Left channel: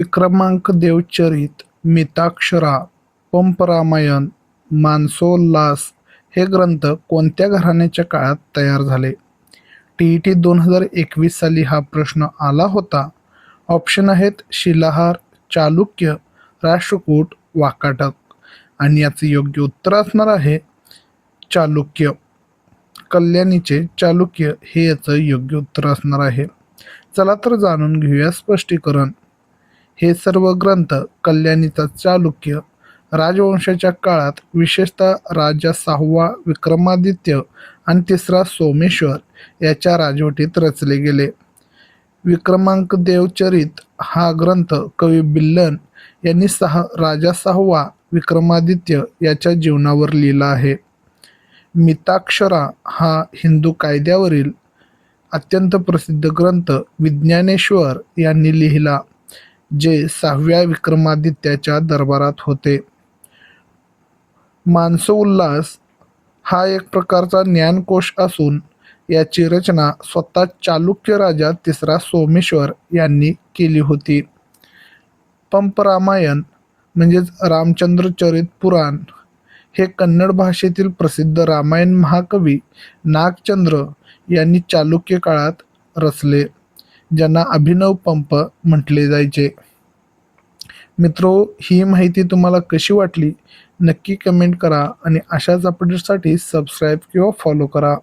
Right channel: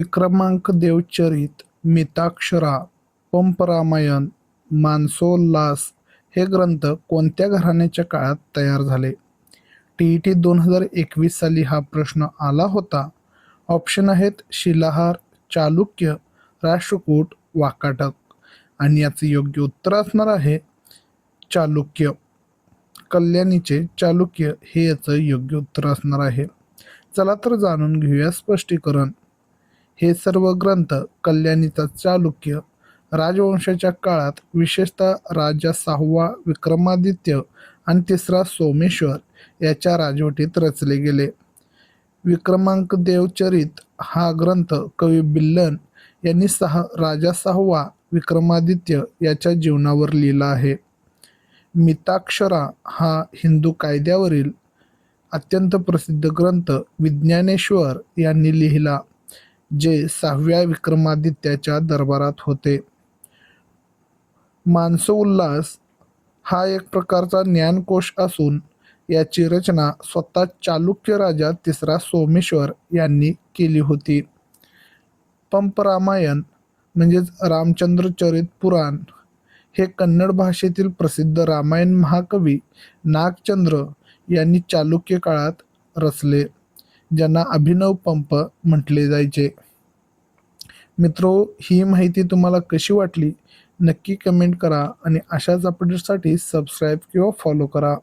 विक्रमांक देवचरित, मिताक्षरा, पंपरामायण, मानसोल्लास हे ग्रंथ कोणत्या घराण्याच्या काळात तयार झाले? टी 2021 साली हा प्रश्न आला होता. ऑप्शन आहेत शिलाहार, चालुक्य, राष्ट्रकूट, वाकाटक. आणि याचं योग्य उत्तर असणार आहे चालुक्य. कल्याणीचे चालुक्य हे याचं योग्य उत्तर असणार आहे. चला तर जाणून घेऊया स्पष्टीकरण. हे सर्व ग्रंथ कल्याणीचा चालुक्य राजवंशाच्या काळात विशेषतः राजा 6वा विक्रमादित्य आणि 3रा सोमेश्वर याच्या राजवटीत रचले गेले. विक्रमांक देवचरित हा ग्रंथ कवी बिल्लन यांनी राजा 6वा विक्रमादित्य याच्या जीवनावर लिहिला आहे. मिताक्षरा हा हिंदू कायद्यावरील अत्यंत प्रसिद्ध ग्रंथ विज्ञानेश्वर यांनी लिहिला, जे 6व्या विक्रमादित्याच्या दरबारात होते. मानसोल्लास हा एक प्रकारचा ज्ञानकोश असून याची रचना स्वतः चालुक्य राजा 3रा सोमेश्वर यांनी केली होती. पंपरामायण म्हणजेच रामचंद्रचरित पुराण हे कन्नड भाषेतील प्रसिद्ध रामायण महाकवी नागचंद्र यांनी चालुक्य काळात रचले, ज्यांना अभिनव पंप म्हटले जायचे. मित्रो, ही माहिती तुम्हाला कशी वाटली नक्की कमेंट करा आणि अशाच अपडेट्ससाठी सबस्क्राईब किंवा फॉलो करा.